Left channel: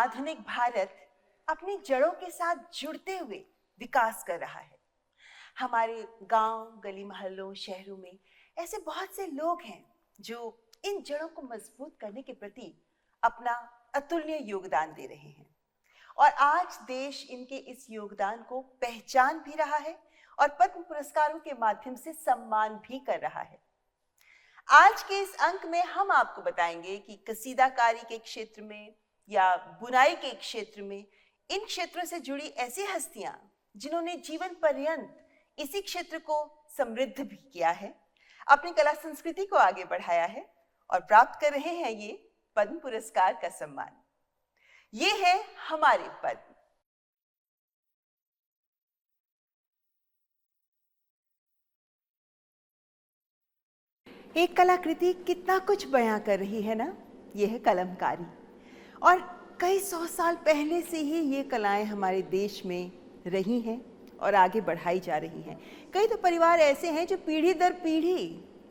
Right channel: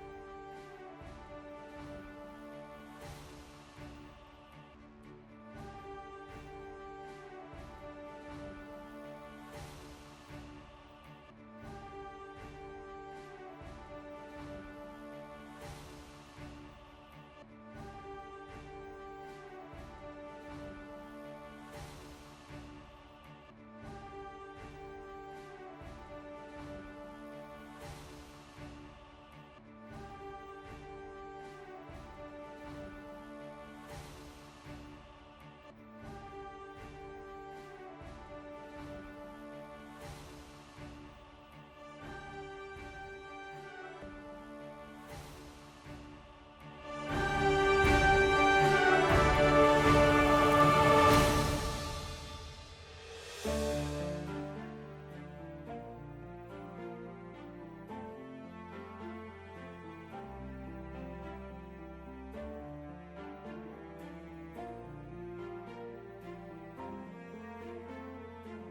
आधुनिक भारत अपनी जड़ों के साथ जुड़ते हुए विकास कर रहा है। हमारे गांव, गली मोहल्लों, शहरों में ऐसे बहुत से लोग हैं जो इन जड़ों को मजबूत करने के प्रति अपना अतुल्य योगदान दे रहे हैं और आज देश इनके इस योगदान को पहचान भी रहा है और पद्म पुरस्कारों के माध्यम से सम्मान भी कर रहा है। आज के इस अंक में हम आपको बताएंगे कि कसीदाकारी के क्षेत्र में या बुनाई के क्षेत्र में इन क्षेत्रों से जुड़ी ऐसी हस्तियां जिन्होंने जीवन पर्यंत इसी क्षेत्र को समृद्ध भी किया है, अपनी कला संस्कृति को आगे बढ़ाया है और प्राप्त कर रहे हैं ये पद्म पुरस्कार का सम्मान। ये है हमारे पद्म। एक कलाकृति कितना कुछ बयां कर रही है ना, ये है कलमकारी। और कई 100 साल पहले से ही ये कलाएं हमारे देश में रही हैं और आगे बढ़ाई जा रही हैं। कई तो परिवार ऐसे हैं जो पीढ़ी दर पीढ़ी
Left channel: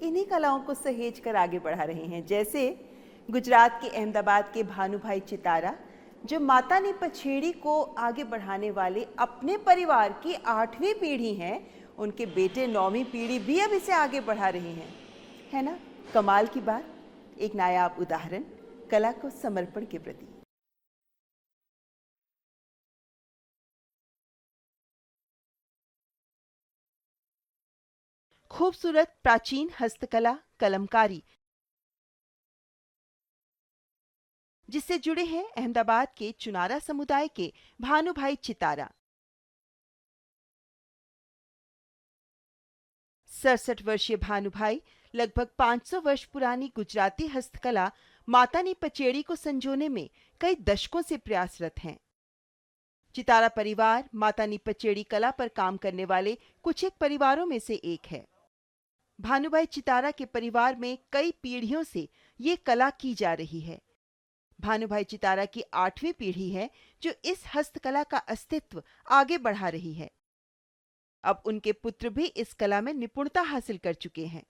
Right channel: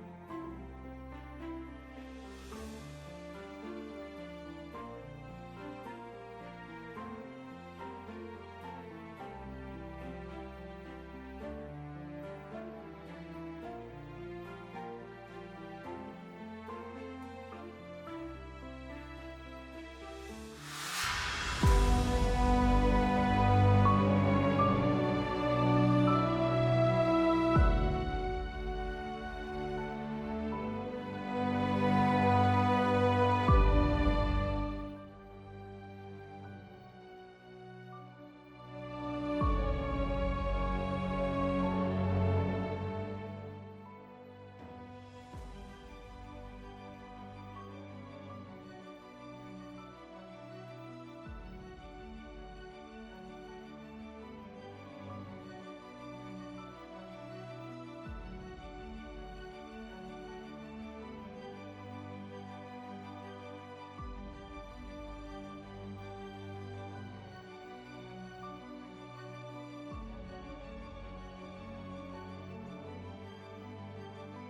इन्हीं कलाओं को सहेज कर आगे बढ़ा रहे हैं, जैसे गुजरात के अहमदाबाद के भानुभाई चितारा, जो माता नी पछेड़ी को आगे बढ़ाने वाले अपने परिवार की 8वीं पीढ़ी हैं। उनके बेटे 9वीं पीढ़ी भी अब इसे आगे बढ़ा रहे हैं, है ना कमाल की बात। एक नायाब उदाहरण कला को समर्पण के प्रति। खूबसूरत प्राचीन हस्तकला कलमकारी, जिससे जुड़े हैं अहमदाबाद के चुनारा समुदाय के भानुभाई चितारा। 67 वर्षीय भानुभाई लगभग 500 वर्ष पुरानी गुजराती हस्तकला माता नी पचेड़ी को संजोने में कई दशकों से प्रयासरत हैं। चितारा परिवार माता नी पचेड़ी कला पर काम करने वाले कुछ एक परिवारों में से एक है। भानुभाई चितारा के परिवार में कई पीढ़ियों से ये कला की जा रही है। भानुभाई चितारा की 8वीं पीढ़ी है जो इस हस्तकला का अस्तित्व आगे बढ़ा रही है। अब उनके पुत्र भी इस कला में निपुणता हासिल कर चुके हैं।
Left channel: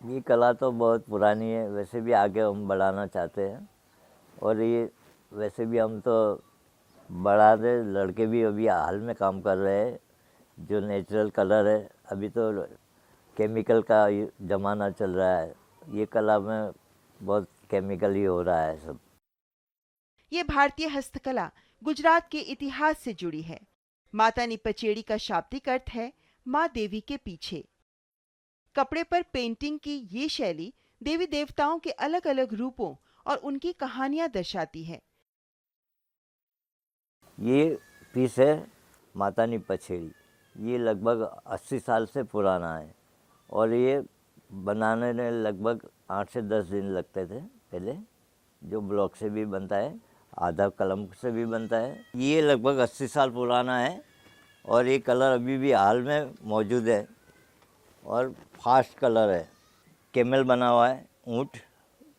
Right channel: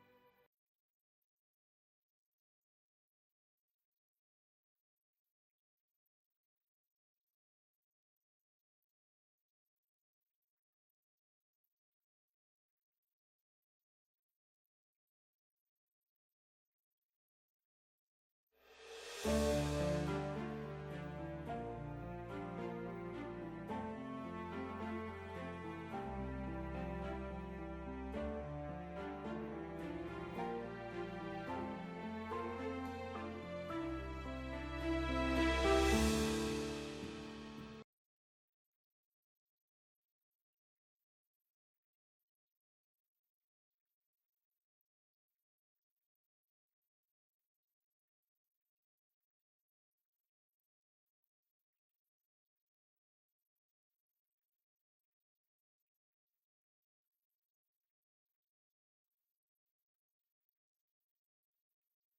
ये कला तो बहुत पुरानी है, वैसे भी आगे हम बढ़ाना चाहते हैं और ये वैसे भी हम तो बढ़ा दे। लड़के भी अभी हाल में काम कर रहे हैं जो नेचुरल कलर है। अभी तो केमिकल का ज़माना चल रहा है, ये कला में बहुत केमिकल ही हो रहा है सब। ये भारतीय हस्तकला गुजरात के इतिहास से जुड़ी है। माता नी पचेड़ी का शाब्दिक अर्थ है माँ देवी के पीछे। कपड़े पर पेंटिंग की ये शैली देवी देवताओं के अलग अलग रूपों और उनकी कहानियां दर्शाती है। ये पीस है माता नी पछेड़ी, ये लगभग 80 साल से पुराना है और ये बनाने में लगभग 8 से 10 दिन लगते थे पहले, जो ब्लॉक से भी बनता है, आधा कलम से भी बनता है। ये लगभग 80 साल पुराना है और ये कलर अभी भी हाल में मौजूद है और फास्ट कलर है। कैमल बना हुआ है, ऊँट,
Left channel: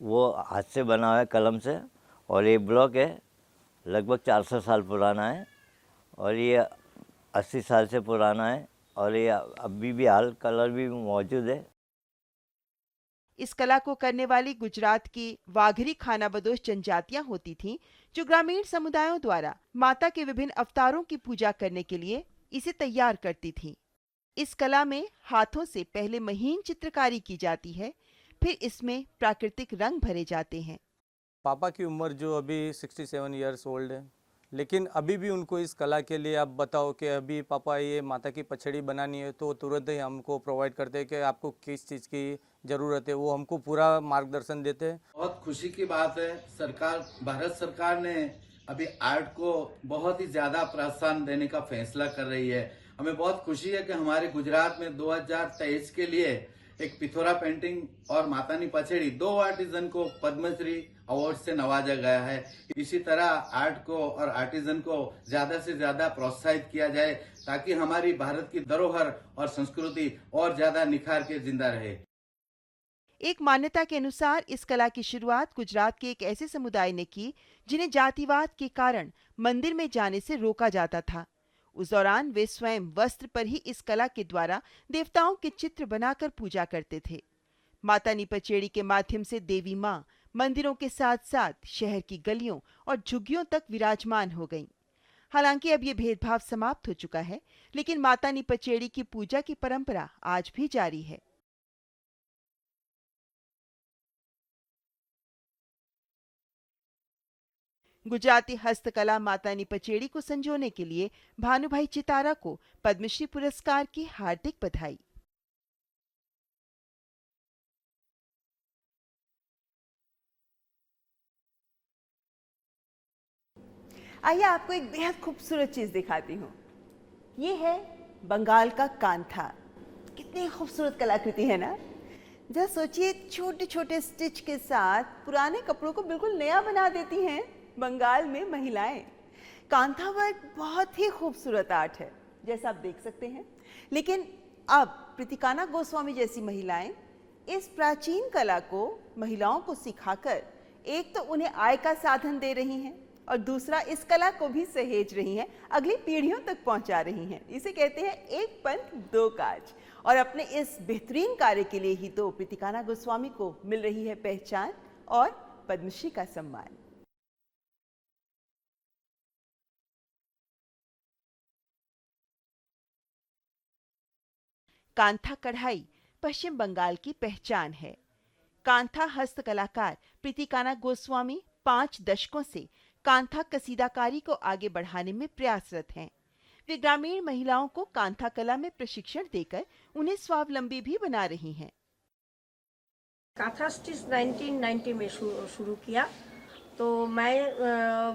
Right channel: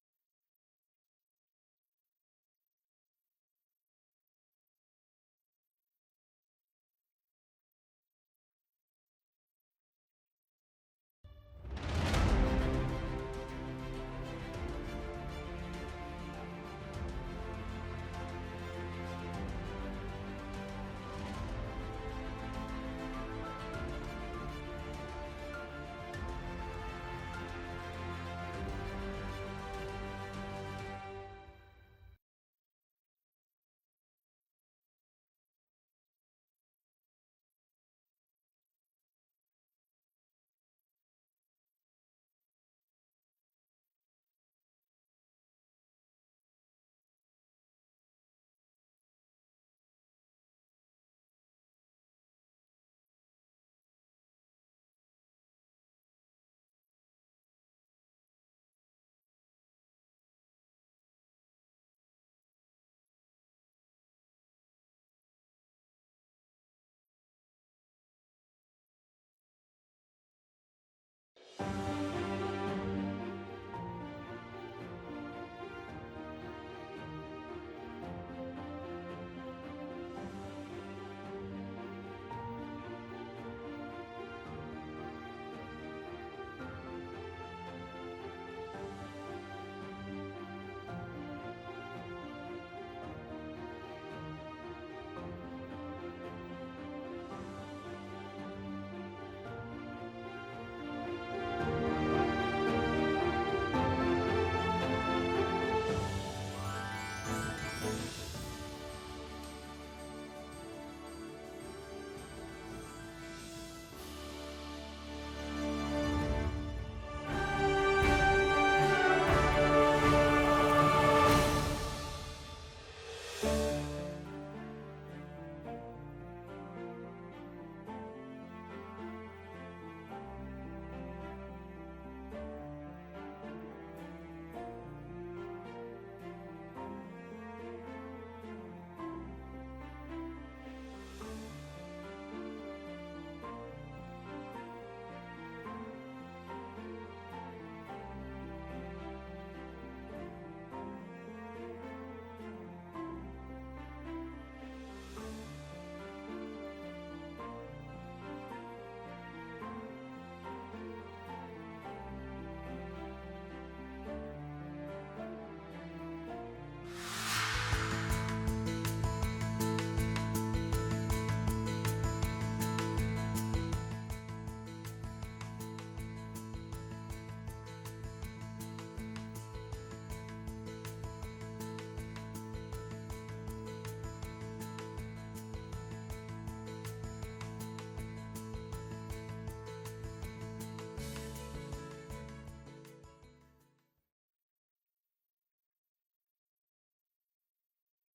वो हाथ से बना हुआ है कलम से। और ये ब्लॉक है, लगभग 400 साल पुराना है और ये 80 साल से पुराना है और ये अभी भी हाल कलर भी मौजूद है। इस कला को करने वाली गुजरात की वाघरी खानाबदोश जनजातियां होती थीं, जो ग्रामीण समुदायों द्वारा माता के विभिन्न अवतारों की पूजा करने के लिए इसे तैयार करती थी। इस कला में हाथों से पहले महीन चित्रकारी की जाती है, फिर इसमें प्राकृतिक रंग भरे जाते हैं। पापा की उम्र जो अभी 67 इयर्स ओल्ड है, लेकिन अभी भी उनको इस कला के लिए आप बताओ कि अभी पापा ये माता की पछड़ी बनानी है तो तुरंत ही हमको प्रोवाइड करते हैं कि आपको किस चीज़ की ज़रूरत है, वो हमको पूरा मार्गदर्शन देते हैं। बहुत खुशी की बात है, भारत सरकार ने अभी आर्ट को बहुत ही ज़्यादा प्रोत्साहन देने का फैसला कर रही है। हमें बहुत खुशी है कि हमारे गुजरात में 2023 के लिए एक पिथौरा पेंटिंग और माता नी पछेड़ी 2 आर्टिजन को पद्मश्री अवार्ड से नवाजा गया है। इसी तरह आर्ट को और आर्टिजन को ज्यादा से ज्यादा प्रोत्साहित किया जाए ताकि हमारी भारत की धरोहर और संस्कृति और ज्यादा निखार के जिंदा रहे। एक मान्यता के अनुसार इस कला की शुरुआत गुजरात के एक ऐसे समुदाय ने की जिन्हें जातिवाद के कारण मंदिर में जाने से रोका जाता था। उस दौरान वे स्वयं वस्त्र पर ही इस कला के द्वारा देवताओं के चित्र बनाकर पूजा करते थे। माता नी पचेड़ी के माध्यम से देवी माँ मंदिरों के साथ साथ शहर की गलियों और झुग्गियों तक विराजमान हो गईं। हालांकि अब ये भेदभाव समाप्त हो चुका है, लेकिन मातानी पचेड़ी की पूजा की परंपरा आज भी जारी है। गुजराती हस्तकला मातानी पचेड़ी को संजोने के लिए भानुभाई चितारा को पद्मश्री पुरस्कार की हार्दिक बधाई। आइए आपको एक बेहद खूबसूरत चीज दिखाती हूँ। ये है बंगाल का कांथा। कितनी खूबसूरत कलाकृति है ना। जरा सोचिए, छोटे छोटे स्टिच के साथ पुराने कपड़ों को बिल्कुल नया बना देती हैं बंगाल में महिलाएं। कांथा वर्क बहुत ही खूबसूरत आर्ट है, जैसा आप देख सकते हैं। लेकिन अब प्रीतिकाना गोस्वामी जैसी महिलाएं इस प्राचीन कला को महिलाओं को सिखाकर एक तो उन्हें आय का साधन दे रही हैं और दूसरा इस कला को भी सहेज रही हैं, अगली पीढ़ियों तक पहुंचा रही हैं। इसे कहते हैं एक पंथ दो काज। और अपने इस बेहतरीन कार्य के लिए ही तो प्रीतिकाना गोस्वामी को मिल रही है पहचान और पद्मश्री का सम्मान। कांथा कढ़ाई पश्चिम बंगाल की पहचान है। कांथा हस्तकलाकार प्रीतिकाना गोस्वामी 5 दशकों से कांथा कसीदाकारी को आगे बढ़ाने में प्रयासरत हैं। वे ग्रामीण महिलाओं को कांथा कला में प्रशिक्षण देकर उन्हें स्वावलंबी भी बना रही हैं। कांथा स्टिच 1990 में शुरू किया, तो मैं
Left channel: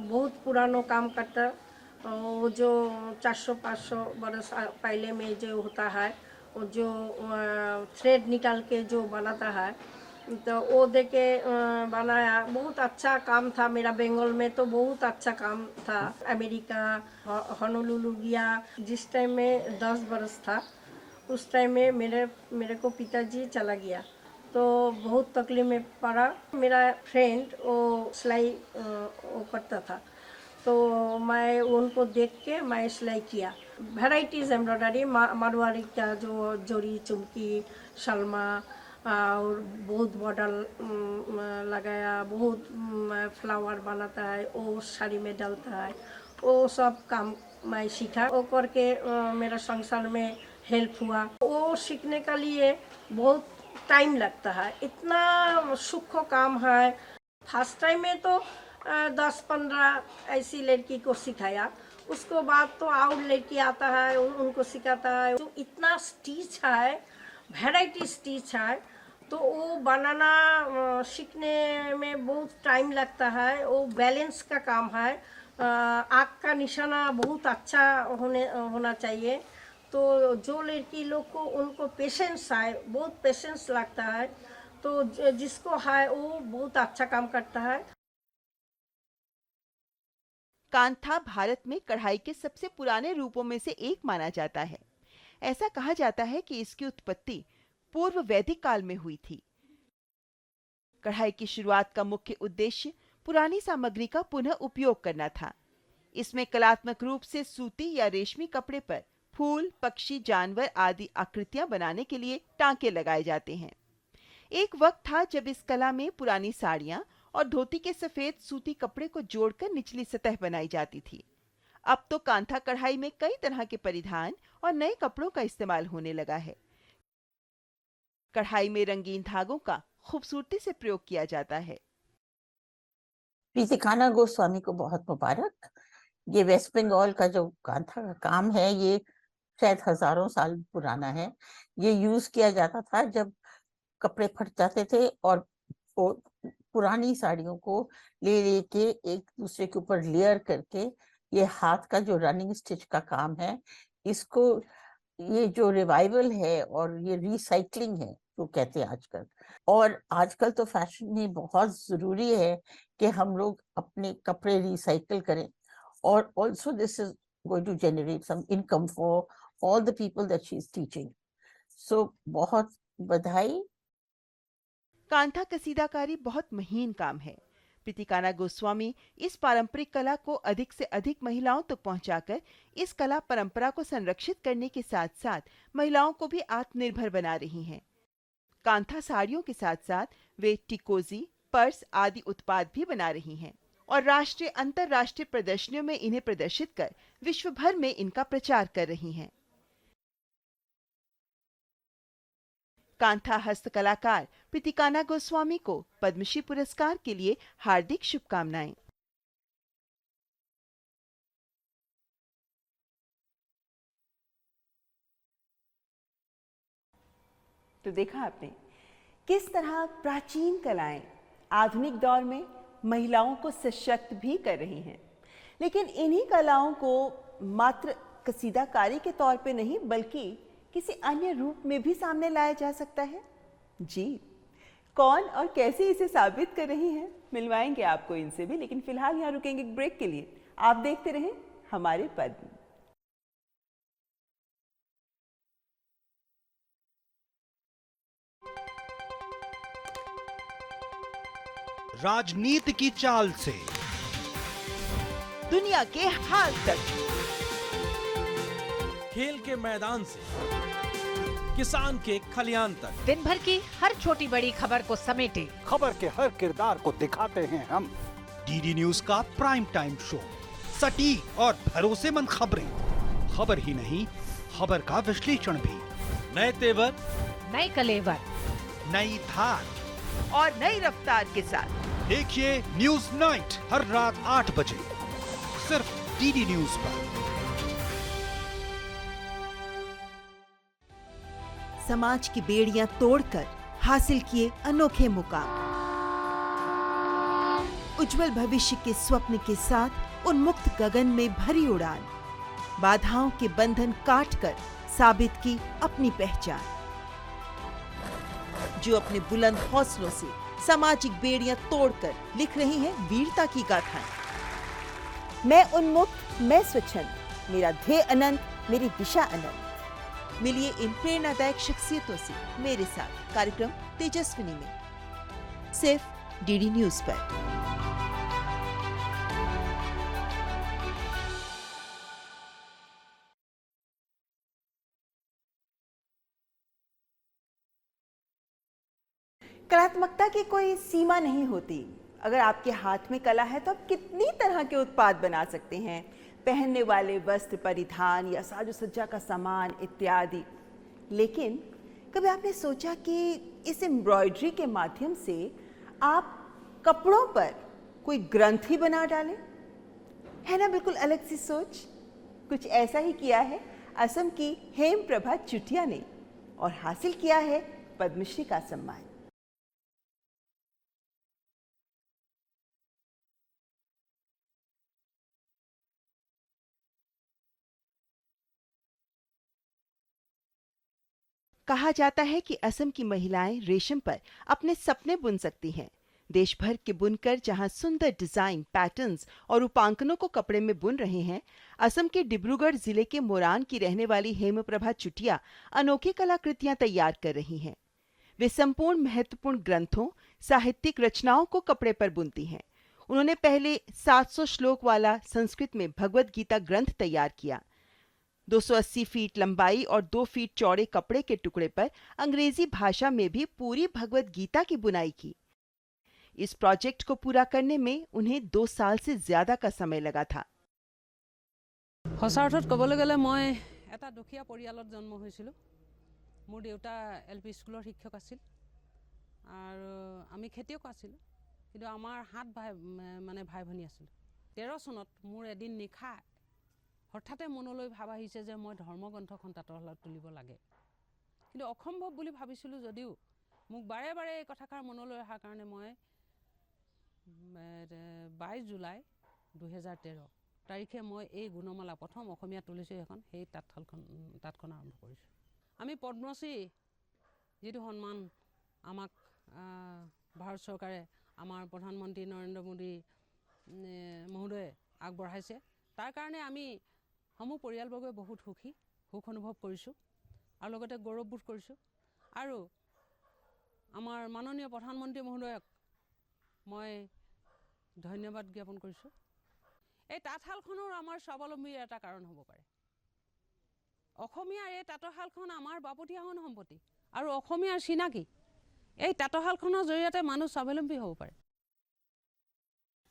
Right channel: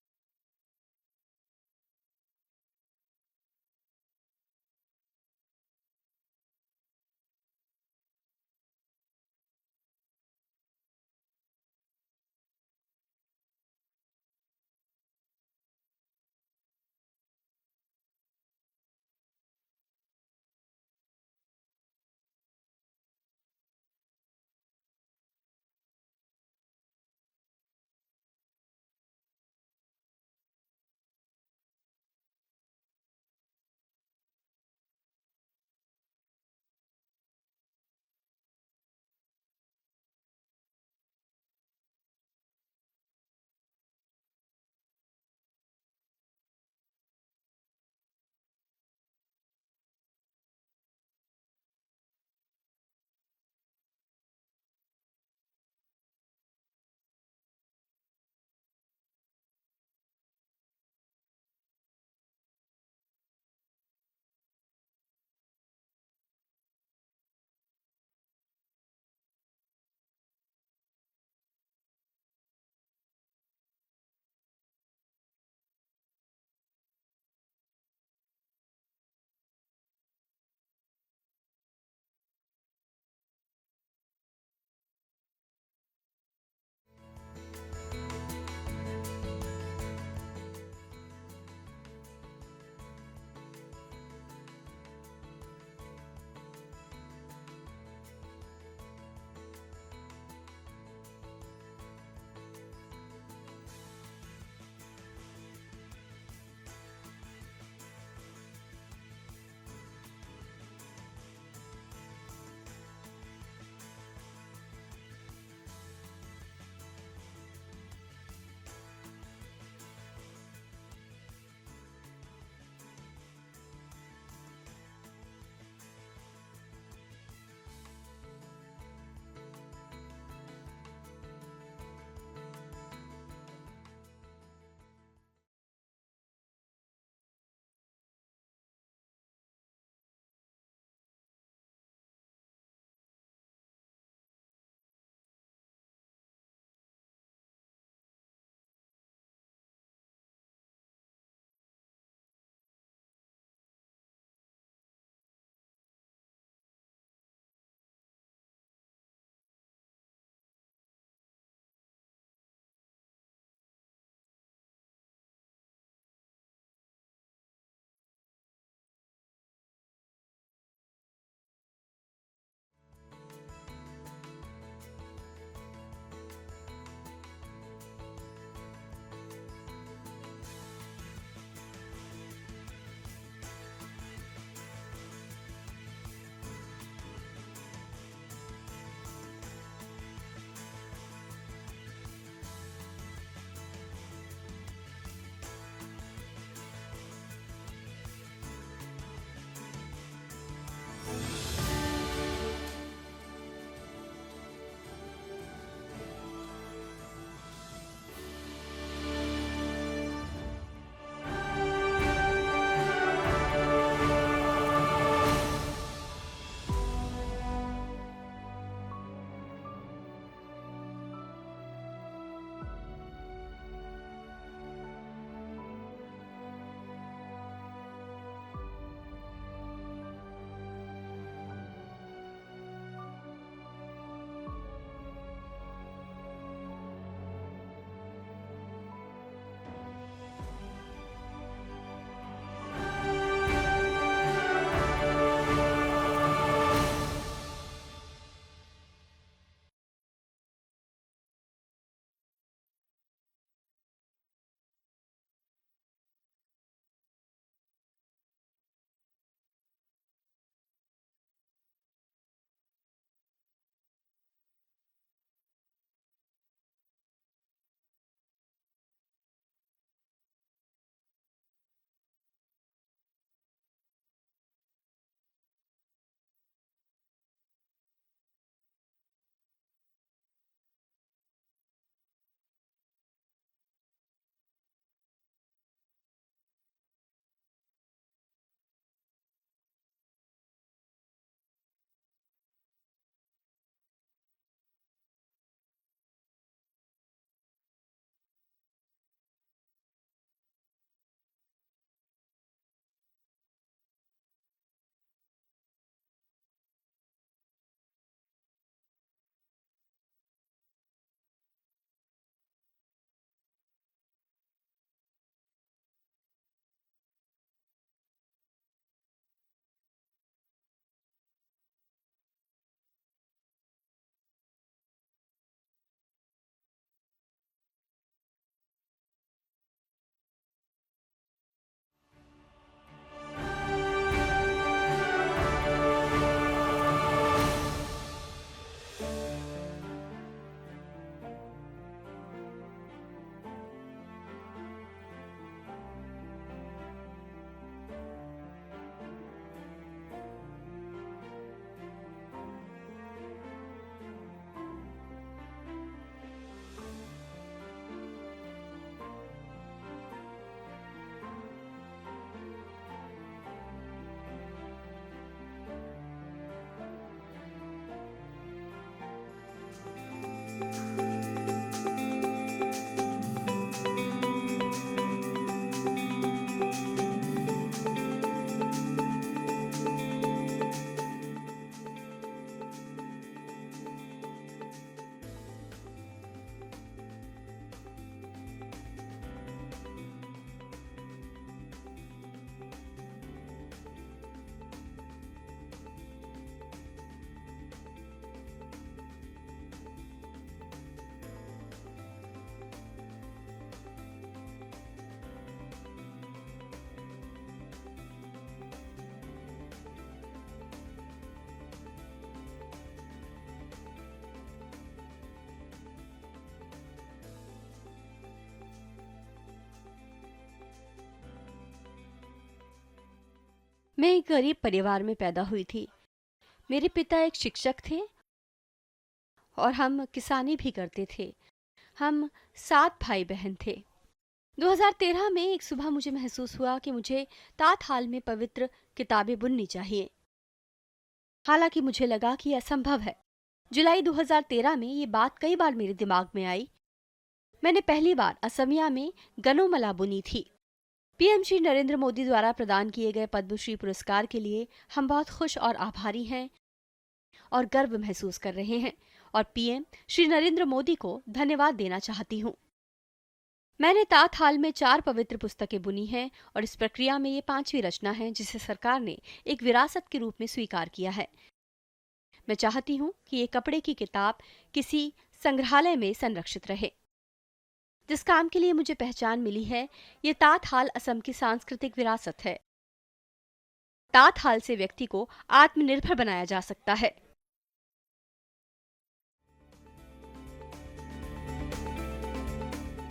बहुत पुराना काम करता। वो जो 400-500 बरस पहले में जो होता है, वो जो थ्रेड निकाल के जो बनाता है, तो वो देके बनाया। बहुत अच्छा काम था। मेरा बंगाल में तो बहुत अच्छा काम था। अमेरिका होनोलुलु गया। जिस टाइम में 10 बरस था, उस टाइम में मेरे को पिताजी चला गया, तो बहुत तकलीफ में पड़ा। मेरा फ्रेंड वो सिलाई वो करता था, तो मैं उनको देख के मैं सिलाई किया। वैराइटीज़ एम्ब्रॉयडरी, मारवाड़ी का जो जोड़ी चुमकी, शलमा और बहुत बॉर्डर लगाया, बहुत फ्लावर बनाता है, वो साड़ी में डालता है, वो सब काम मैं सीखा। वो करके मेरा संसार में हेल्प हुआ। वो सीखने के लिए बहुत टाइम लगता है, इतना सूक्ष्म काम है। फर्स्ट टाइम में तो 10-15 ऐसी लड़की को सिखाया, उसको बाद तो और लड़की आता है, उनको सिखाता है। तो इतना स्टिच है, वैराइटी स्टिच है, तो वो बनाना सीखने में बहुत टाइम लगता है। वो बैलेंस का काम है। आँख का निशाना बहुत अच्छा होना चाहिए। तो जो लड़की लोग को उनको पेशेंस है, बहुत पेशेंस लगता है, तो जिसको है वो बहुत अच्छा काम करता है। कांथा भारत में कढ़ाई के सबसे पुराने रूपों में से एक माना जाता है। ऐसा कहा जाता है कि इसकी उत्पत्ति पूर्व वैदिक काल में हुई थी। कढ़ाई की शुरुआत का मुख्य उद्देश्य पुरानी सामग्री का पुनः उपयोग करना था। इसमें कलात्मक रूप से सूती या रेशमी कपड़े पर फूल, पक्षी, जानवर आदि आकृतियां बनाने के लिए टांके लगाए जाते हैं। एक वक्त था जब इस कला में पुरानी साड़ियां और धोती के सफेद सूती कपड़े को जोड़कर निचली सतह बनाई जाती थी। अब तो कांथा कढ़ाई में कई तरह के परिधान और नए कपड़ों का इस्तेमाल होने लगा है। कढ़ाई में रंगीन धागों का खूबसूरती से प्रयोग किया जाता है। प्रीतिकाना गोस्वामी को बहुत मुबारक। ये वेस्ट बंगाल का जो कांथा का काम है, ये शायद हजारों साल पुराना है। ये यूज किया जाता था जब कपड़े फट जाते थे, और पुरानी साड़ियों को ले के एक दूसरे के ऊपर लेयर करके, ये हाथ का जो रनिंग स्टिच का काम है, इसको ये जो रिवाइवल है और ये रिसाइकलिंग है जो कहते हैं आजकल। और आजकल तो फैशन में बहुत जरूरी है कि हम लोग अपने कपड़े रिसाइकल करें, और also this is going to generate some income for all the people that she is teaching. So बहुत बधाई। कांथा कसीदाकारी बहुत महीन काम है। प्रीतिकाना गोस्वामी इस पारंपरिक कला को अधिक से अधिक महिलाओं तक पहुंचाकर इस कला परंपरा को संरक्षित करने के साथ साथ महिलाओं को भी आत्मनिर्भर बना रही हैं। कांथा साड़ियों के साथ साथ वे टिकोजी, पर्स आदि उत्पाद भी बना रही हैं और राष्ट्रीय अंतर्राष्ट्रीय प्रदर्शनियों में इन्हें प्रदर्शित कर विश्व भर में इनका प्रचार कर रही हैं। कांथा हस्तकलाकार पितिकाना गोस्वामी को पद्मश्री पुरस्कार के लिए हार्दिक शुभकामनाएं। तो देखा आपने किस तरह प्राचीन कलाएं आधुनिक दौर में महिलाओं को सशक्त भी कर रही हैं, लेकिन इन्हीं कलाओं को मात्र कसीदाकारी के तौर पे नहीं बल्कि किसी अन्य रूप में भी सामने लाया जा सकता है। जी, कौन और कैसे इसे साबित कर रही हैं, मिलवाएंगे आपको इनसे भी, लेकिन फिलहाल यहाँ रुकेंगे एक ब्रेक के लिए। आप देखते रहें हमारे पर्व। राजनीति की चाल से दुनिया के हाल तक, खेल के मैदान से किसान के खलियान तक, दिन भर की हर छोटी बड़ी खबर को समेटे खबर के हर किरदार को दिखाते हैं हम। डीडी न्यूज का प्राइम टाइम शो, सटीक और भरोसेमंद खबरें, खबर ही नहीं खबर का विश्लेषण भी, नए तेवर, नए कलेवर, नई धार और नई रफ्तार के साथ देखिए न्यूज नाइट हर रात 8 बजे सिर्फ डीडी न्यूज पर। समाज की बेड़ियां तोड़कर हासिल किए अनोखे मुकाम, उज्जवल भविष्य के स्वप्न के साथ उन्मुक्त गगन में भरी उड़ान, बाधाओं के बंधन काटकर साबित की अपनी पहचान, जो अपने बुलंद हौसलों से सामाजिक बेड़ियां तोड़कर लिख रही हैं वीरता की गाथाएं। मैं उन्मुक्त, मैं स्वच्छंद, मेरा ध्येय अनंत, मेरी दिशा अनंत। मिलिए इन प्रेरणादायक शख्सियतों से मेरे साथ कार्यक्रम तेजस्विनी में, सिर्फ डीडी न्यूज पर। कलात्मकता की कोई सीमा नहीं होती। अगर आपके हाथ में कला है तो आप कितनी तरह के उत्पाद बना सकते हैं, पहनने वाले वस्त्र, परिधान या साजो सज्जा का सामान इत्यादि। लेकिन कभी आपने सोचा कि इस एम्ब्रॉयडरी के माध्यम से आप कपड़ों पर कोई ग्रंथ ही बना डालें? है ना बिल्कुल अलग सी सोच। कुछ ऐसा ही किया है असम की हेमप्रभा चुटिया ने और हासिल किया है पद्मश्री का सम्मान। कहा जाता है कि असम की महिलाएं रेशम पर अपने सपने बुन सकती हैं। देश भर के बुनकर जहां सुंदर डिजाइन, पैटर्न्स और रूपांकनों को कपड़े में बुन रहे हैं, असम के डिब्रूगढ़ जिले के मोरान की रहने वाली हेमप्रभा चुटिया अनोखी कलाकृतियां तैयार कर रही हैं। वे संपूर्ण महत्वपूर्ण ग्रंथों, साहित्यिक रचनाओं को कपड़े पर बुनती हैं। उन्होंने पहले 700 श्लोक वाला संस्कृत में भगवत गीता ग्रंथ तैयार किया। 280 फीट लंबाई और 2 फीट चौड़े कपड़े के टुकड़े पर अंग्रेजी भाषा में भी पूरी भगवत गीता की बुनाई की। इस प्रोजेक्ट को पूरा करने में उन्हें 2 साल से ज्यादा का समय लगा था। मैं एक गरीब परिवार में पैदा हुई थी। मेरे पिता एक शिक्षक थे और हम किसानी भी करते थे। हम 7 भाई बहन थे। 2013 में एक सुबह मुझे महसूस हुआ कि मुझे तातहाल में पवित्र किताबें बुननी चाहिए। हालांकि मुझे लगा कि यह असंभव है। जुलाई 2013 में ये बात कई बार मेरे दिमाग में आई। मैंने पहली बार असमिया में गनोमला बुनी थी। पीएम श्री नरेंद्र मोदी द्वारा प्रदान किए गए पद्मश्री पुरस्कार के लिए हम बहुत खुश और आभारी हैं और गर्व महसूस कर रहे हैं और पीएम श्री नरेंद्र मोदी को धन्यवाद देना चाहती हूँ। मैंने तातहाल में 4 पवित्र पुस्तकें बुनी हैं और इस प्रक्रिया में ये 5वीं रचना है जिसे सरकार ने एक विरासत के रूप में स्वीकार किया है। मैं चाहती हूँ कि ये कपड़े की किताब किसी संग्रहालय में संरक्षित रहे। जिस काम के लिए मुझे पहचान मिली है, ये तातहाल असम की सांस्कृतिक विरासत है। तातहाल से व्यक्ति को आत्मनिर्भर बनाया जा सकता है। এই তাঁতশালখনৰ জৰিয়তে মানুহ স্বাৱলম্বী হ'ব পাৰে।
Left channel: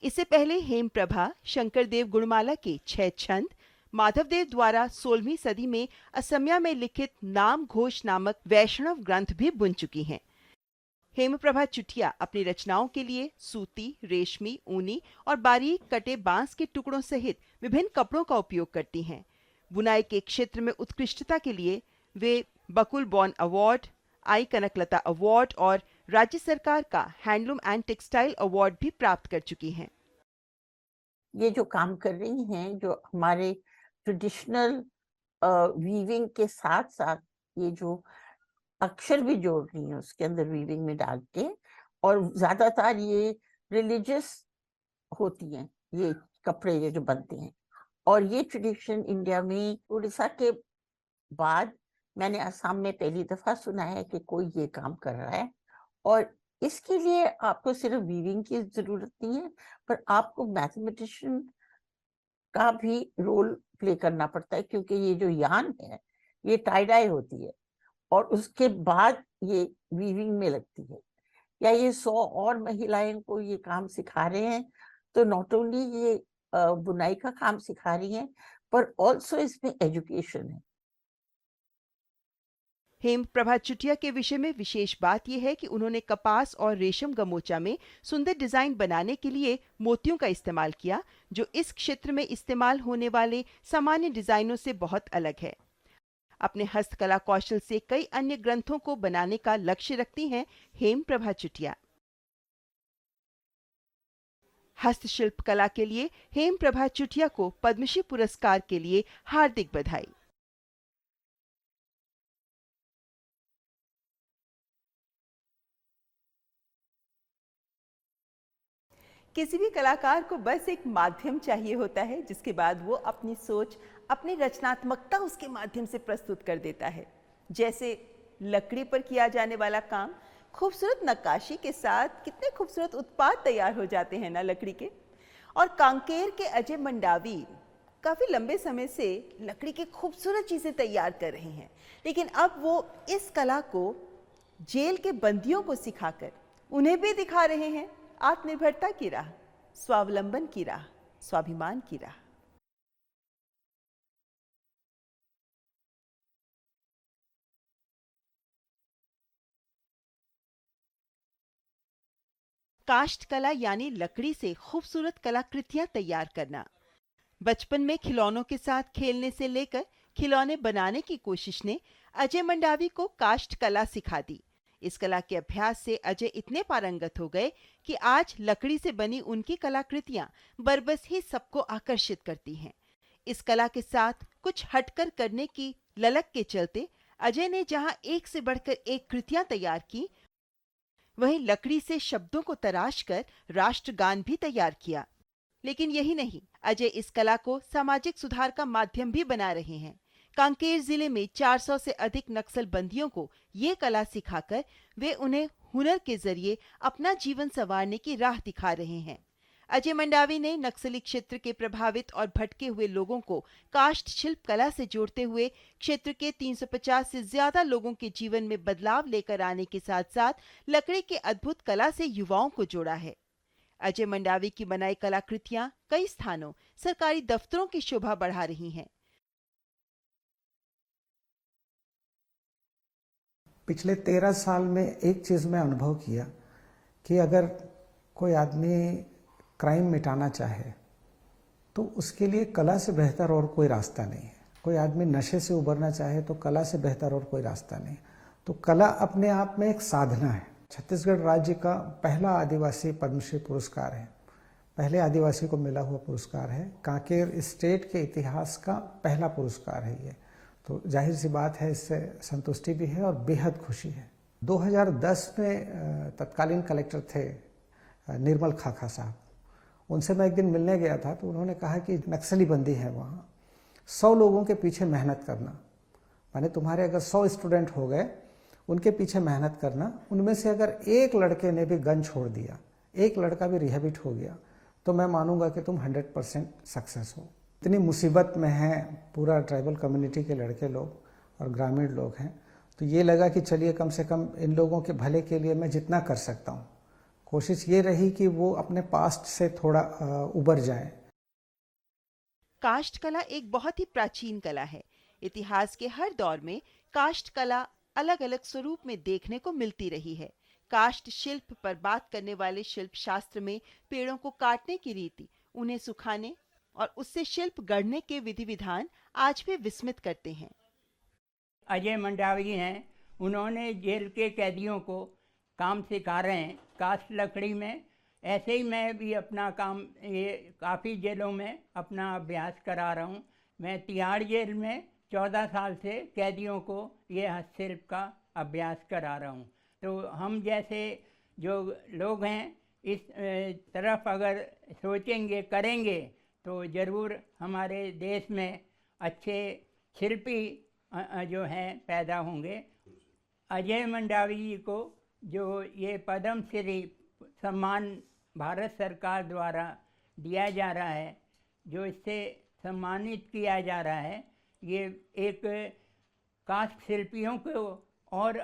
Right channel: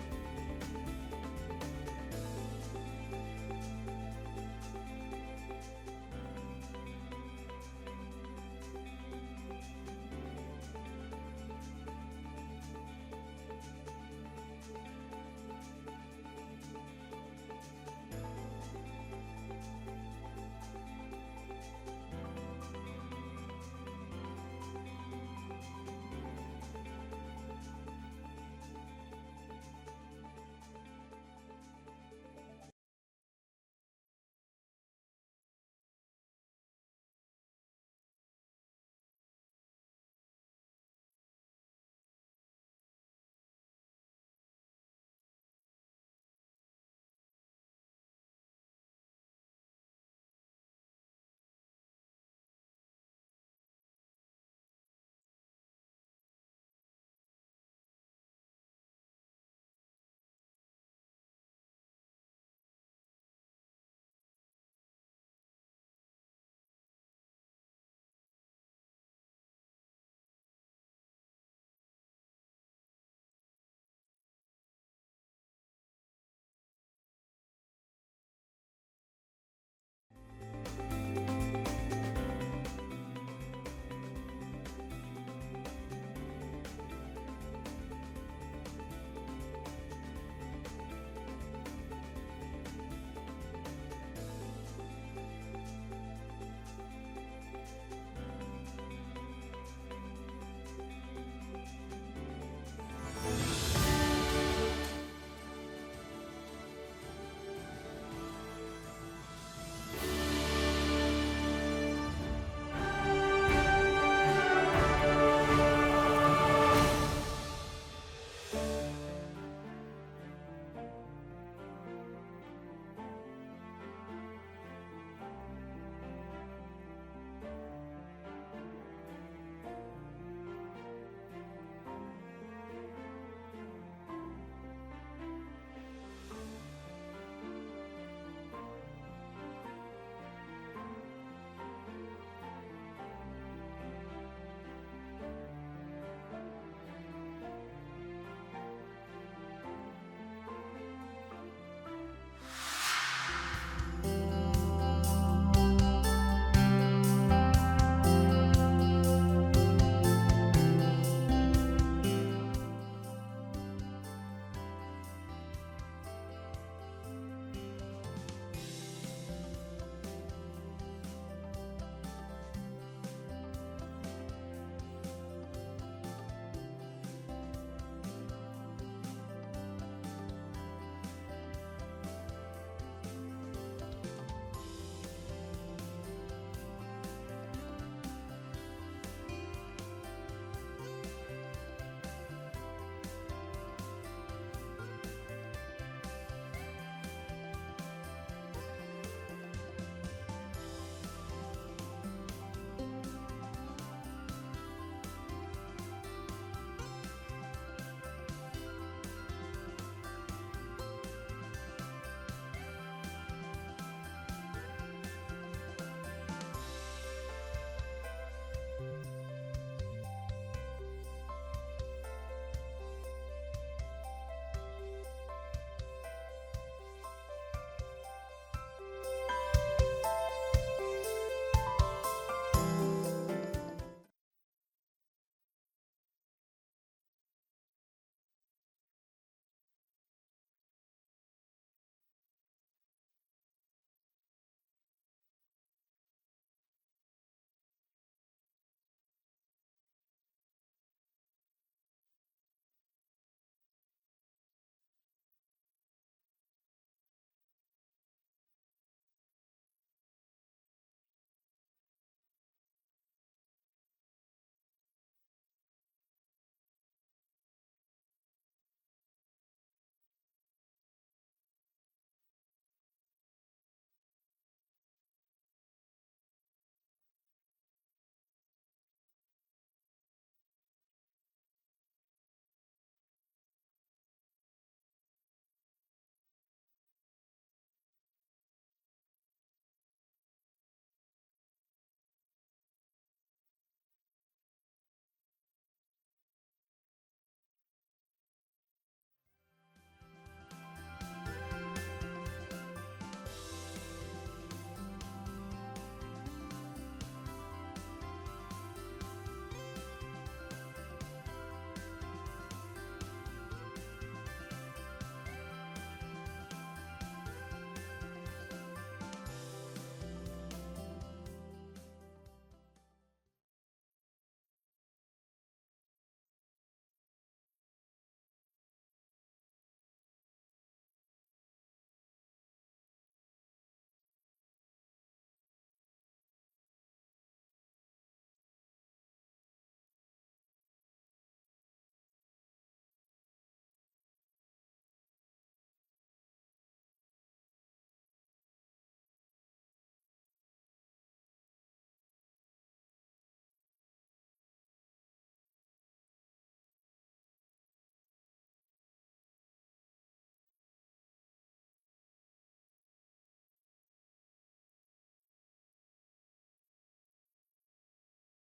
इससे पहले हेमप्रभा शंकरदेव गुणमाला के 6 छंद माधवदेव द्वारा 16वीं सदी में असमिया में लिखित नाम घोष नामक वैष्णव ग्रंथ भी बुन चुकी हैं। हेमप्रभा चुटिया अपनी रचनाओं के लिए सूती, रेशमी, ऊनी और बारीक कटे बांस के टुकड़ों सहित विभिन्न कपड़ों का उपयोग करती हैं। बुनाई के क्षेत्र में उत्कृष्टता के लिए वे बकुल बॉन अवार्ड, आई कनकलता अवार्ड और राज्य सरकार का हैंडलूम एंड टेक्सटाइल अवार्ड भी प्राप्त कर चुकी हैं। ये जो काम कर रही हैं, जो हमारे ट्रेडिशनल वीविंग के साथ साथ ये जो अक्षर भी जोड़ रही हैं उसके अंदर वीविंग में डाल के, और ज्यादातर ये रिलीजियस होती हैं ये कपड़े ये जो बनते हैं। और ये ट्रेडिशन इंडिया में उड़ीसा के बाद मैंने असम में पहली दफा सुना है कि कोई ये काम कर रहा है। और इसके लिए आपको सिर्फ वीविंग की जरूरत नहीं है, पर आपको मैथमेटिशियन का भी रोल प्ले करना पड़ता है, क्योंकि ये जो यान है ये टाई डाई होती है और उसके बाद ये वीविंग में लगती है। या ये 100 और महिलाएं को ये काम सिखा रहे हैं, तो नॉट ओनली ये बुनाई का काम सिखा रही हैं, पर ऑल्सो इसमें एजुकेशन है। हेमप्रभा चुटिया के विषय में विशेष बात यह है कि उन्होंने कपास और रेशम गमोचा में सुंदर डिजाइन बनाने के लिए मोतियों का इस्तेमाल किया, जो इस क्षेत्र में इस्तेमाल होने वाले सामान्य डिजाइनों से बहुत अलग है। अपने हस्तकला कौशल से कई अन्य ग्रंथों को बनाने का लक्ष्य रखती हैं हेमप्रभा चुटिया। हस्तशिल्प कला के लिए हेमप्रभा चुटिया को पद्मश्री पुरस्कार के लिए हार्दिक बधाई। किसी भी कलाकार को बस एक माध्यम चाहिए होता है, जिसके बाद वो अपनी सोच, अपनी रचनात्मकता उसके माध्यम से प्रस्तुत कर देता है। जैसे लकड़ी पर किया जाने वाला काम, खूबसूरत नक्काशी के साथ कितने खूबसूरत उत्पाद तैयार हो जाते हैं ना लकड़ी के। और कांकेर के अजय मंडावी काफी लंबे समय से लकड़ी की खूबसूरत चीजें तैयार कर रहे हैं, लेकिन अब वो इस कला को जेल के बंदियों को सिखाकर उन्हें भी दिखा रहे हैं आत्मनिर्भरता की राह, स्वावलंबन की राह, स्वाभिमान की राह। काष्ठ कला यानी लकड़ी से खूबसूरत कलाकृतियां तैयार करना। बचपन में खिलौनों के साथ खेलने से लेकर खिलौने बनाने की कोशिश ने अजय मंडावी को काष्ठ कला सिखा दी। इस कला के अभ्यास से अजय इतने पारंगत हो गए कि आज लकड़ी से बनी उनकी कलाकृतियां बरबस ही सबको आकर्षित करती हैं। इस कला के साथ कुछ हटकर करने की ललक के चलते अजय ने जहां एक से बढ़कर एक कृतियां तैयार की, वहीं लकड़ी से शब्दों को तराश कर राष्ट्रगान भी तैयार किया। लेकिन यही नहीं, अजय इस कला को सामाजिक सुधार का माध्यम भी बना रहे हैं। कांकेर जिले में 400 से अधिक नक्सल बंदियों को ये कला सिखाकर वे उन्हें हुनर के जरिए अपना जीवन संवारने की राह दिखा रहे हैं। अजय मंडावी ने नक्सली क्षेत्र के प्रभावित और भटके हुए लोगों को काष्ठ शिल्प कला से जोड़ते हुए क्षेत्र के 350 से ज्यादा लोगों के जीवन में बदलाव लेकर आने के साथ साथ लकड़ी के अद्भुत कला से युवाओं को जोड़ा है। अजय मंडावी की बनाई कलाकृतियां कई स्थानों, सरकारी दफ्तरों की शोभा बढ़ा रही हैं। पिछले 13 साल में एक चीज़ मैं अनुभव किया कि अगर कोई आदमी क्राइम मिटाना चाहे तो उसके लिए कला से बेहतर और कोई रास्ता नहीं है। कोई आदमी नशे से उबरना चाहे तो कला से बेहतर और कोई रास्ता नहीं। तो कला अपने आप में एक साधना है। छत्तीसगढ़ राज्य का पहला आदिवासी पद्मश्री पुरस्कार है, पहले आदिवासी को मिला हुआ पुरस्कार है। कांकेर स्टेट के इतिहास का पहला पुरस्कार है ये। तो जाहिर सी बात है, इससे संतुष्टि भी है और बेहद खुशी है। 2010 में तत्कालीन कलेक्टर थे निर्मल खाखा साहब, उनसे मैं एक दिन मिलने गया था तो उन्होंने कहा कि नक्सली बंदी है वहाँ, 100 लोगों के पीछे मेहनत करना, माने तुम्हारे अगर 100 स्टूडेंट हो गए, उनके पीछे मेहनत करना, उनमें से अगर एक लड़के ने भी गन छोड़ दिया, एक लड़का भी रिहेबिट हो गया, तो मैं मानूंगा कि तुम 100% सक्सेस हो। इतनी मुसीबत में हैं पूरा ट्राइबल कम्युनिटी के लड़के लोग और ग्रामीण लोग हैं, तो ये लगा कि चलिए कम से कम इन लोगों के भले के लिए मैं जितना कर सकता हूँ, कोशिश ये रही कि वो अपने पास्ट से थोड़ा उबर जाए। काष्ठ कला एक बहुत ही प्राचीन कला है। इतिहास के हर दौर में काष्ठ कला अलग अलग स्वरूप में देखने को मिलती रही है। काष्ठ शिल्प पर बात करने वाले शिल्प शास्त्र में पेड़ों को काटने की रीति, उन्हें सुखाने और उससे शिल्प गढ़ने के विधि विधान आज भी विस्मित करते हैं। अजय मंडावी हैं, उन्होंने जेल के कैदियों को काम सिखा रहे हैं काष्ठ लकड़ी में। ऐसे ही मैं भी अपना काम ये काफ़ी जेलों में अपना अभ्यास करा रहा हूँ। मैं तिहाड़ जेल में 14 साल से कैदियों को ये हस्तशिल्प का अभ्यास करा रहा हूँ। तो हम जैसे जो लोग हैं इस तरफ अगर सोचेंगे करेंगे तो ज़रूर हमारे देश में अच्छे शिल्पी जो हैं पैदा होंगे। अजय मंडावी जी को जो ये पद्म श्री सम्मान भारत सरकार द्वारा दिया जा रहा है, जो इससे सम्मानित किया जा रहा है, ये एक काष्ठ शिल्पियों को और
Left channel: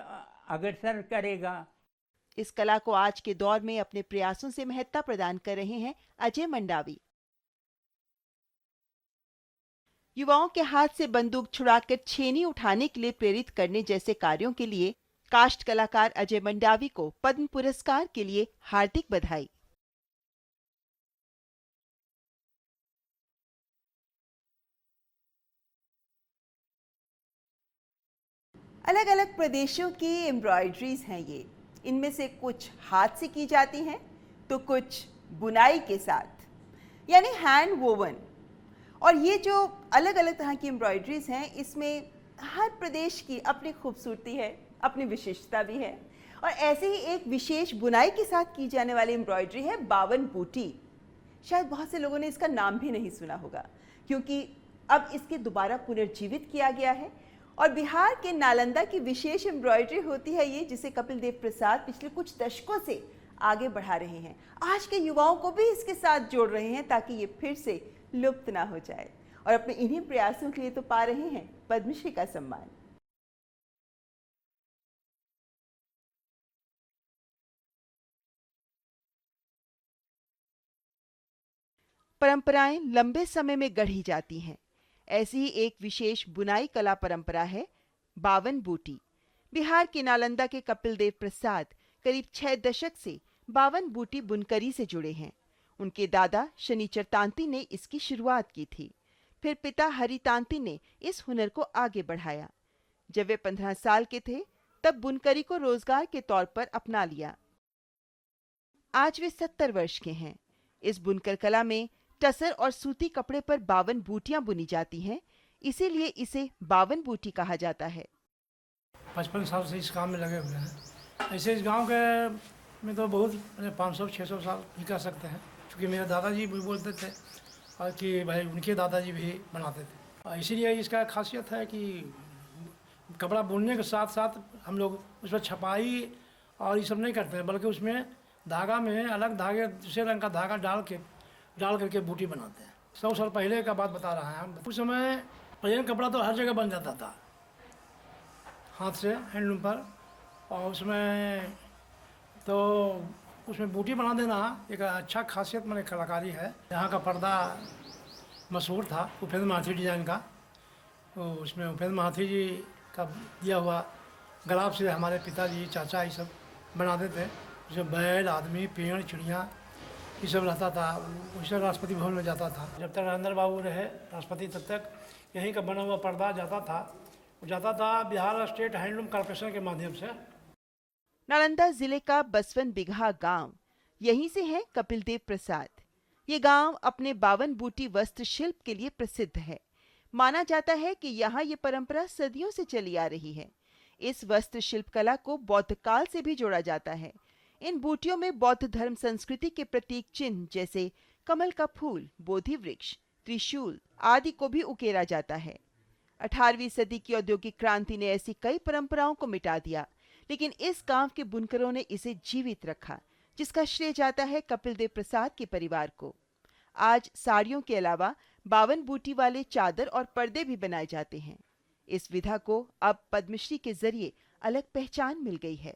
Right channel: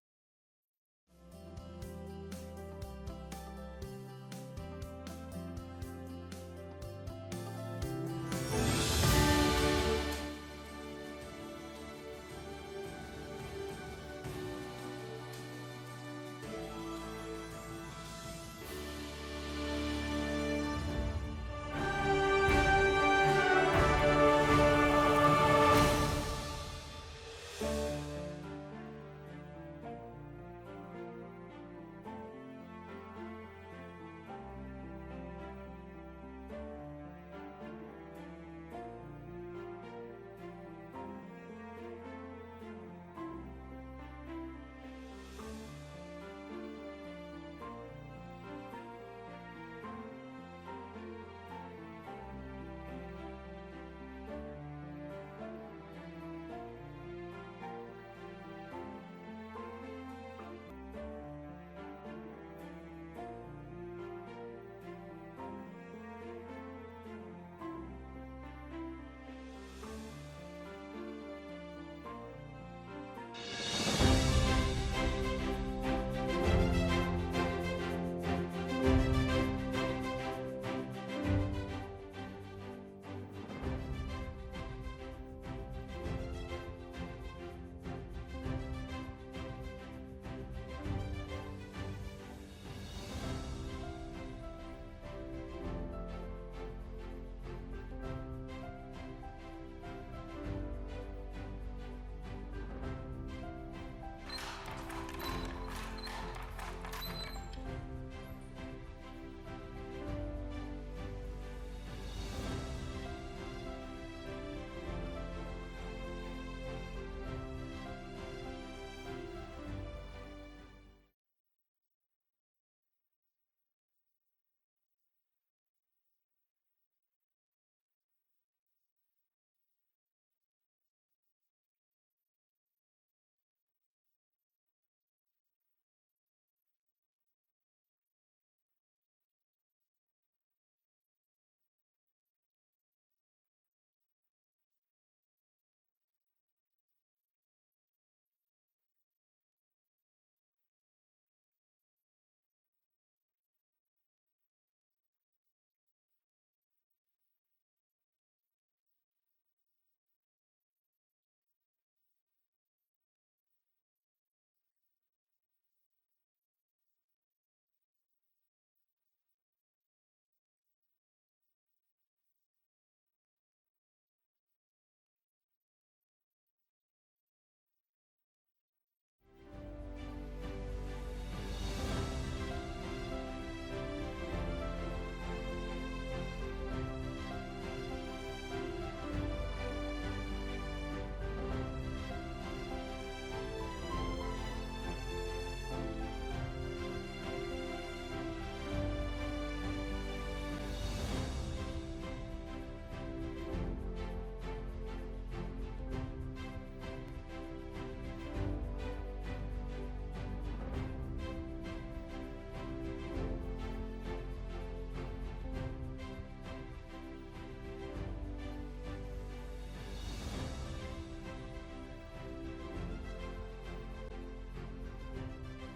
अग्रसर करेगा। इस कला को आज के दौर में अपने प्रयासों से महत्ता प्रदान कर रहे हैं अजय मंडावी। युवाओं के हाथ से बंदूक छुड़ाकर छेनी उठाने के लिए प्रेरित करने जैसे कार्यों के लिए काष्ठ कलाकार अजय मंडावी को पद्म पुरस्कार के लिए हार्दिक बधाई। अलग अलग प्रदेशों की एम्ब्रॉयडरीज हैं ये। इनमें से कुछ हाथ से की जाती हैं तो कुछ बुनाई के साथ यानी हैंड वोवन। और ये जो अलग अलग तरह की एम्ब्रॉयडरीज हैं, इसमें हर प्रदेश की अपनी खूबसूरती है, अपनी विशेषता भी है। और ऐसे ही एक विशेष बुनाई के साथ की जाने वाली एम्ब्रॉयडरी है बावन बूटी। शायद बहुत से लोगों ने इसका नाम भी नहीं सुना होगा, क्योंकि अब इसके दोबारा पुनर्जीवित किया गया है। और बिहार के नालंदा की विशेष एम्ब्रॉयडरी होती है ये, जिसे कपिल देव प्रसाद पिछले कुछ दशकों से आगे बढ़ा रहे हैं। आज के युवाओं को भी इसके साथ जोड़ रहे हैं ताकि ये फिर से लुप्त ना हो जाए। और अपने इन्हीं प्रयासों के लिए तो पा रहे हैं पद्मश्री का सम्मान। परंपराएं लंबे समय में गढ़ी जाती हैं। ऐसी ही एक विशेष बुनाई कला परंपरा है बावन बूटी। बिहार के नालंदा के कपिल देव प्रसाद करीब 6 दशक से बावन बूटी बुनकरी से जुड़े हैं। उनके दादा शनिचर तांती ने इसकी शुरुआत की थी। फिर पिता हरि तांती ने इस हुनर को आगे बढ़ाया। जब वे 15 साल के थे तब बुनकरी को रोजगार के तौर पर अपना लिया। आज वे 70 वर्ष के हैं। इस बुनकर कला में टसर और सूती कपड़े पर 52 बूटियां बुनी जाती हैं, इसीलिए इसे बावन बूटी कहा जाता है। 55 साल से इस काम में लगे हुए हैं। ऐसे इस गांव के में तो बहुत 500-600 साल भी कह सकते हैं, क्योंकि मेरे दादाजी भी बोलते थे और कि भाई उनके दादाजी भी बनाते थे। इसीलिए इसका खासियत है कि कपड़ा बुनने के साथ साथ हम लोग उस पर छपाई और ये सब नहीं करते हैं, बल्कि उसमें धागा में अलग धागे दूसरे रंग का धागा डाल करके बूटी बनाते हैं। 100 साल पहले का बात बता रहा है हम। उस समय प्लेन कपड़ा तो हर जगह बन जाता था हाथ से, हैंडलूम पर। और उसमें बूटी बना देना एक अच्छा खासियत मैंने कलाकारी है। यहाँ का पर्दा मशहूर था उपेंद्र महाथी डिजाइन का। तो उसमें उपेंद्र महाथी जी का दिया हुआ गुलाब से हमारे पिताजी चाचा ये सब बनाते थे। उसमें बैल, आदमी, पेड़, चिड़िया ये सब रहता था। उससे राष्ट्रपति भवन में जाता था। जब तक नरेंद्र बाबू रहे राष्ट्रपति तब तक यहीं का बना हुआ पर्दा जाता था बिहार स्टेट हैंडलूम कॉर्पोरेशन के माध्यम से। नालंदा जिले का बसवन बिगहा गांव, यहीं से है कपिल देव प्रसाद। ये गांव अपने बावन बूटी वस्त्र शिल्प के लिए प्रसिद्ध है। माना जाता है कि यहाँ ये परंपरा सदियों से चली आ रही है। इस वस्त्र शिल्प कला को बौद्ध काल से भी जोड़ा जाता है। इन बूटियों में बौद्ध धर्म संस्कृति के प्रतीक चिन्ह जैसे कमल का फूल, बोधि वृक्ष, त्रिशूल आदि को भी उकेरा जाता है। 18वीं सदी की औद्योगिक क्रांति ने ऐसी कई परंपराओं को मिटा दिया, लेकिन इस गांव के बुनकरों ने इसे जीवित रखा, जिसका श्रेय जाता है कपिल देव प्रसाद के परिवार को। आज साड़ियों के अलावा बावन बूटी वाले चादर और पर्दे भी बनाए जाते हैं। इस विधा को अब पद्मश्री के जरिए अलग पहचान मिल गई है।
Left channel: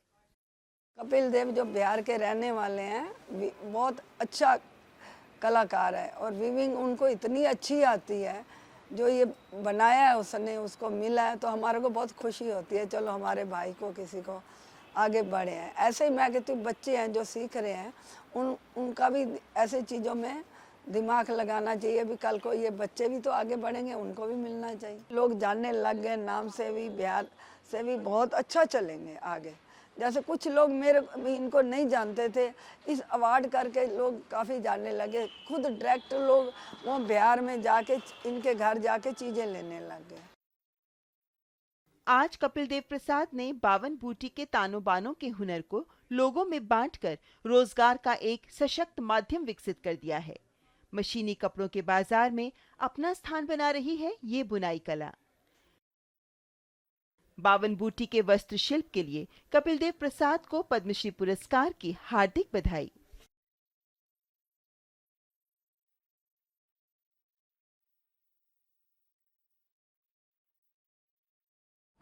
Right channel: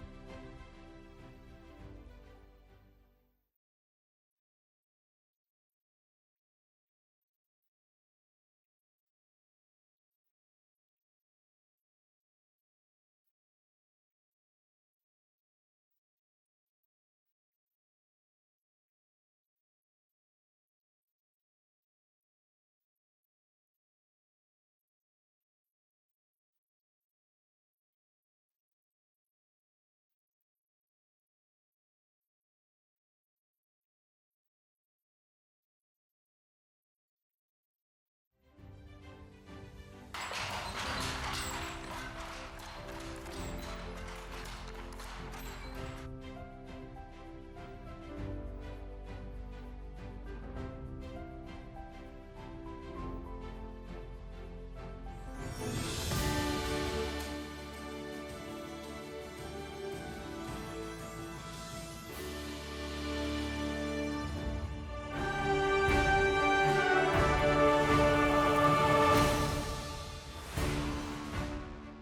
कपिल देव जो बिहार के रहने वाले हैं, बहुत अच्छा कलाकार है और वीविंग उनको इतनी अच्छी आती है, जो ये बनाया है उसने, उसको मिला है, तो हमारे को बहुत खुशी होती है, चलो हमारे भाई को किसी को आगे बढ़े हैं। ऐसे ही मैं कहती हूँ बच्चे हैं जो सीख रहे हैं, उनका भी ऐसे चीज़ों में दिमाग लगाना चाहिए, भी कल को ये बच्चे भी तो आगे बढ़ेंगे, उनको भी मिलना चाहिए। लोग जानने लग गए, नाम से भी बिहार से भी बहुत अच्छा चलेंगे आगे। जैसे कुछ लोग मेरे इनको नहीं जानते थे, इस अवार्ड करके लोग काफ़ी जानने लगे, खुद डायरेक्ट लोग वो बिहार में जाके इनके घर जाके चीज़ें लेने लग गए। आज कपिल देव प्रसाद ने बावन बूटी के तानों बानों के हुनर को लोगों में बांटकर रोजगार का एक सशक्त माध्यम विकसित कर दिया है। मशीनी कपड़ों के बाजार में अपना स्थान बना रही है ये बुनाई कला। बावन बूटी के वस्त्र शिल्प के लिए कपिल देव प्रसाद को पद्मश्री पुरस्कार की हार्दिक बधाई।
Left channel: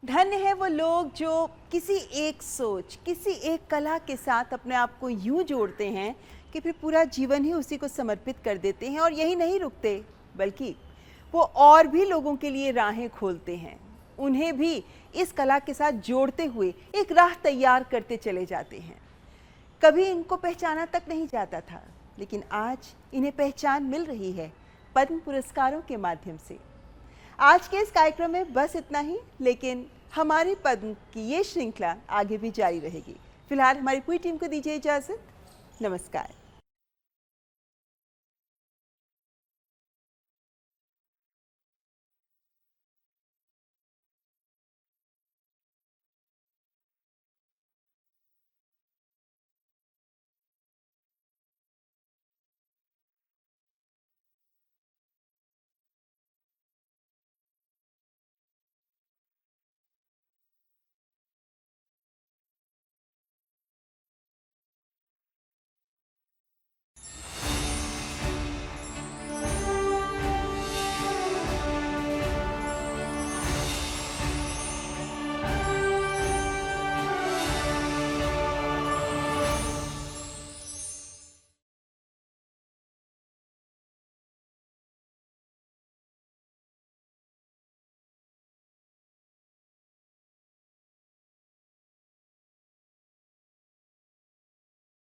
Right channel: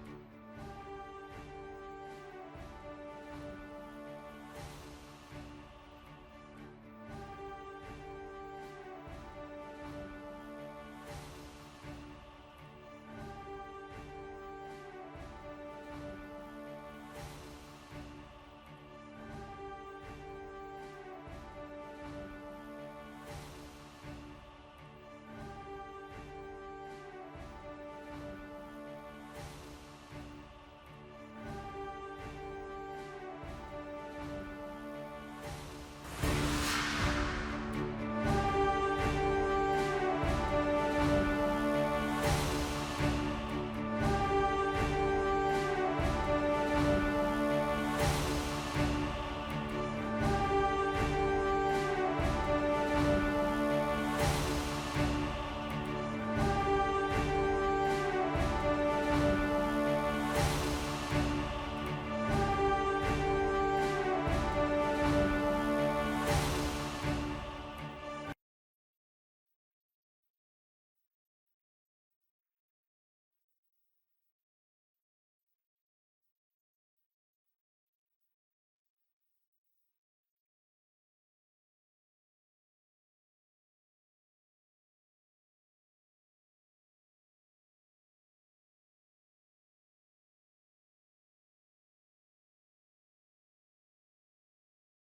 धन्य है वो लोग जो किसी एक सोच, किसी एक कला के साथ अपने आप को यूं जोड़ते हैं कि फिर पूरा जीवन ही उसी को समर्पित कर देते हैं, और यही नहीं रुकते बल्कि वो और भी लोगों के लिए राहें खोलते हैं, उन्हें भी इस कला के साथ जोड़ते हुए एक राह तैयार करते चले जाते हैं। कभी इनको पहचाना तक नहीं जाता था, लेकिन आज इन्हें पहचान मिल रही है पद्म पुरस्कारों के माध्यम से। आज के इस कार्यक्रम में बस इतना ही, लेकिन हमारी पद्म की ये श्रृंखला आगे भी जारी रहेगी। फिलहाल हमारी पूरी टीम को दीजिए इजाजत। नमस्कार।